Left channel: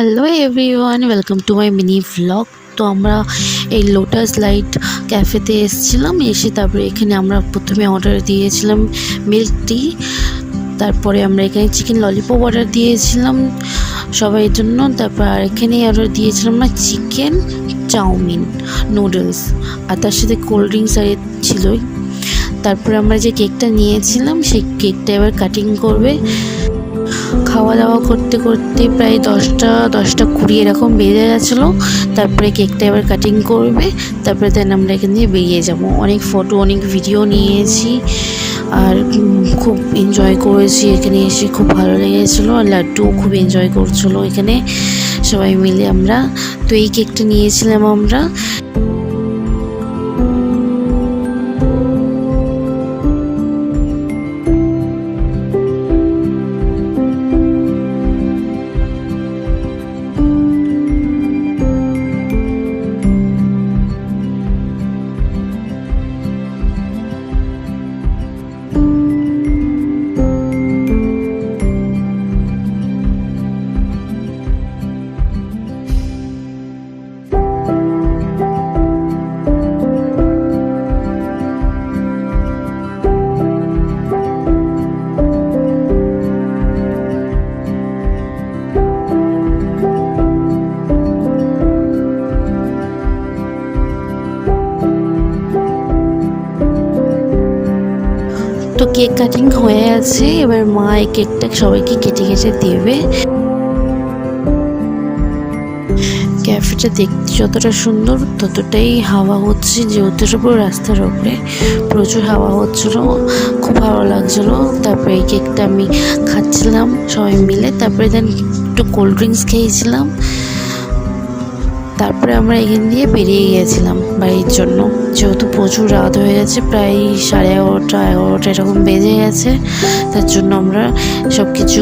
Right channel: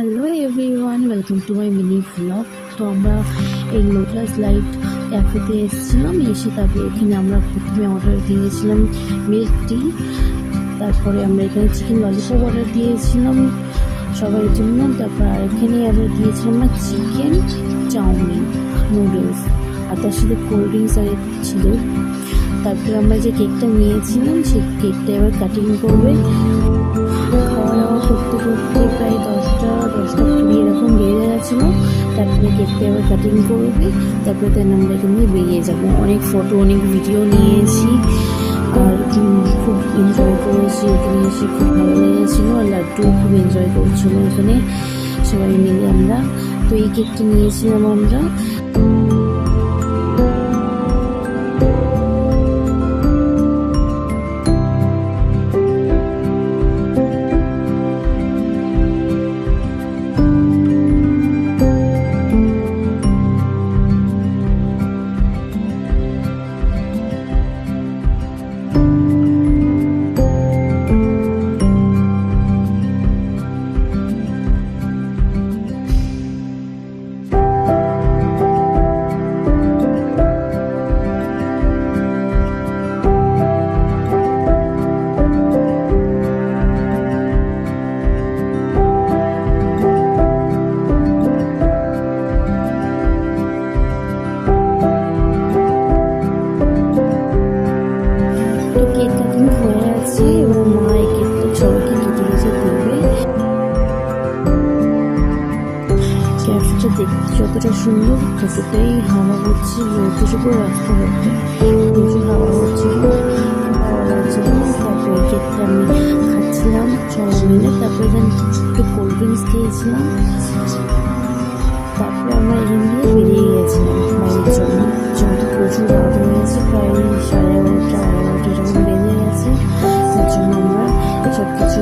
Hello everyone, welcome to my mini vlog. তো আমরা এই লোটাস লাইট ক্যাফেতে এসেছিলাম, এসে তারপরে এখানে আমরা প্রথমে অর্ডার দিয়েছিলাম মিল্ক টি। তারপরে আমরা এখানে চিকেন ললিপপ অর্ডার দিয়েছিলাম সবাইয়ের জন্য। তারপর আর এখানে অর্ডার দিয়েছিলাম না চিকেন চাউমিন নুডলস, আর তার সাথে কোল্ড ড্রিঙ্কস আর ছিলই। তারপরে আমরা যে কেকটা নিয়েছিলাম সেই কেকটা এবার কাটিং করবে। খাওয়া দাওয়া করতে করতে প্রায় 10টা 20 এরকম বেজে গেছিলো। তারপরে কেকটা এবার কাটিং করবে, তারপরে দেন আমরা এখান দিয়ে বেরিয়ে যাব। অনেক ফটো অনেক ভিডিও নিয়েছি আর খুব এনজয় করেছি। এখানে এসে খুব ভালো লেগেছিলো, আর লাড্ডুও খুব এনজয় করছিলো এখানে সবাই মিলে আমরা। তো এই কেকটা নিয়েছিলাম আমরা। তো কেক কাটিং হয়ে আছে, এবার মা এই কেকটা সবাইকে কেটে কেটে দেবে। ক্যাফেটা দেখতে যতটা সুন্দর ততটাই হাওয়া হচ্ছে, যেহেতু পুরো রাস্তার উপরে প্রচুর হাওয়া হচ্ছিল, খুব ভালো লাগছিলো। তারপরে এই কেকটা আমি খাচ্ছিলাম সবাই মিলে। তারপরে দেন একটু কোল্ড ড্রিঙ্কস খেয়েছিলাম। তারপরে আমরা এখান দিয়ে বেরিয়ে গিয়েছিলাম বাড়ির জন্য, যেহেতু প্রচুর রাত হয়ে গেছে, প্রায় 11:30 এরকম বেজে গেছে। তার জন্য আমরা সব কিছু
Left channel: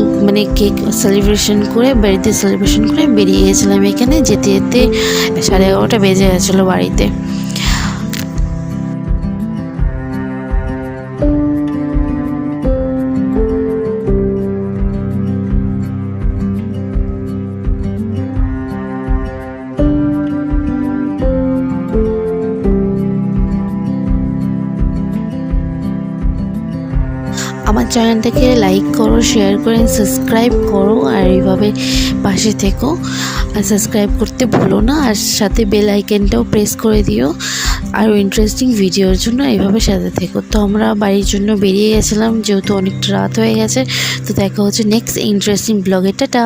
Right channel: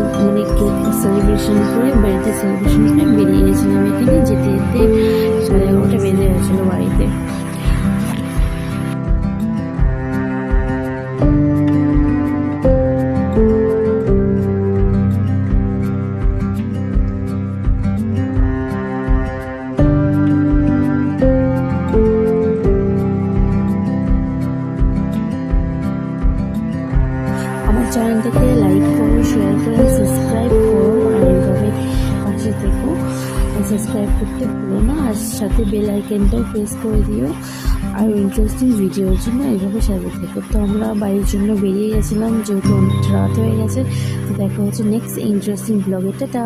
কেক সেলিব্রেশন করে বাড়িতে সেলিব্রেশন করে বেরিয়ে গিয়েছিলাম। এখানে যেতে যেতে 11:30 বেজে গেছিলো বাড়িতে। আমার চ্যানেলটাকে লাইক করো, শেয়ার করে সাবস্ক্রাইব করো, আর এইভাবে পাশে থেকো। আর সাবস্ক্রাইব করতে ভুলো না, আর সাথে বেল আইকনটাও প্রেস করে দিও আরও ইন্টারেস্টিং ভিডিওর জন্য। এইভাবে সাথে থেকো। তো আমরা বাড়ির জন্য বেরিয়ে গেছিলাম, যেহেতু অনেকটা রাত হয়ে গেছে। তো দেখা হচ্ছে নেক্সট ইন্টারেস্টিং ব্লগে। টাটা।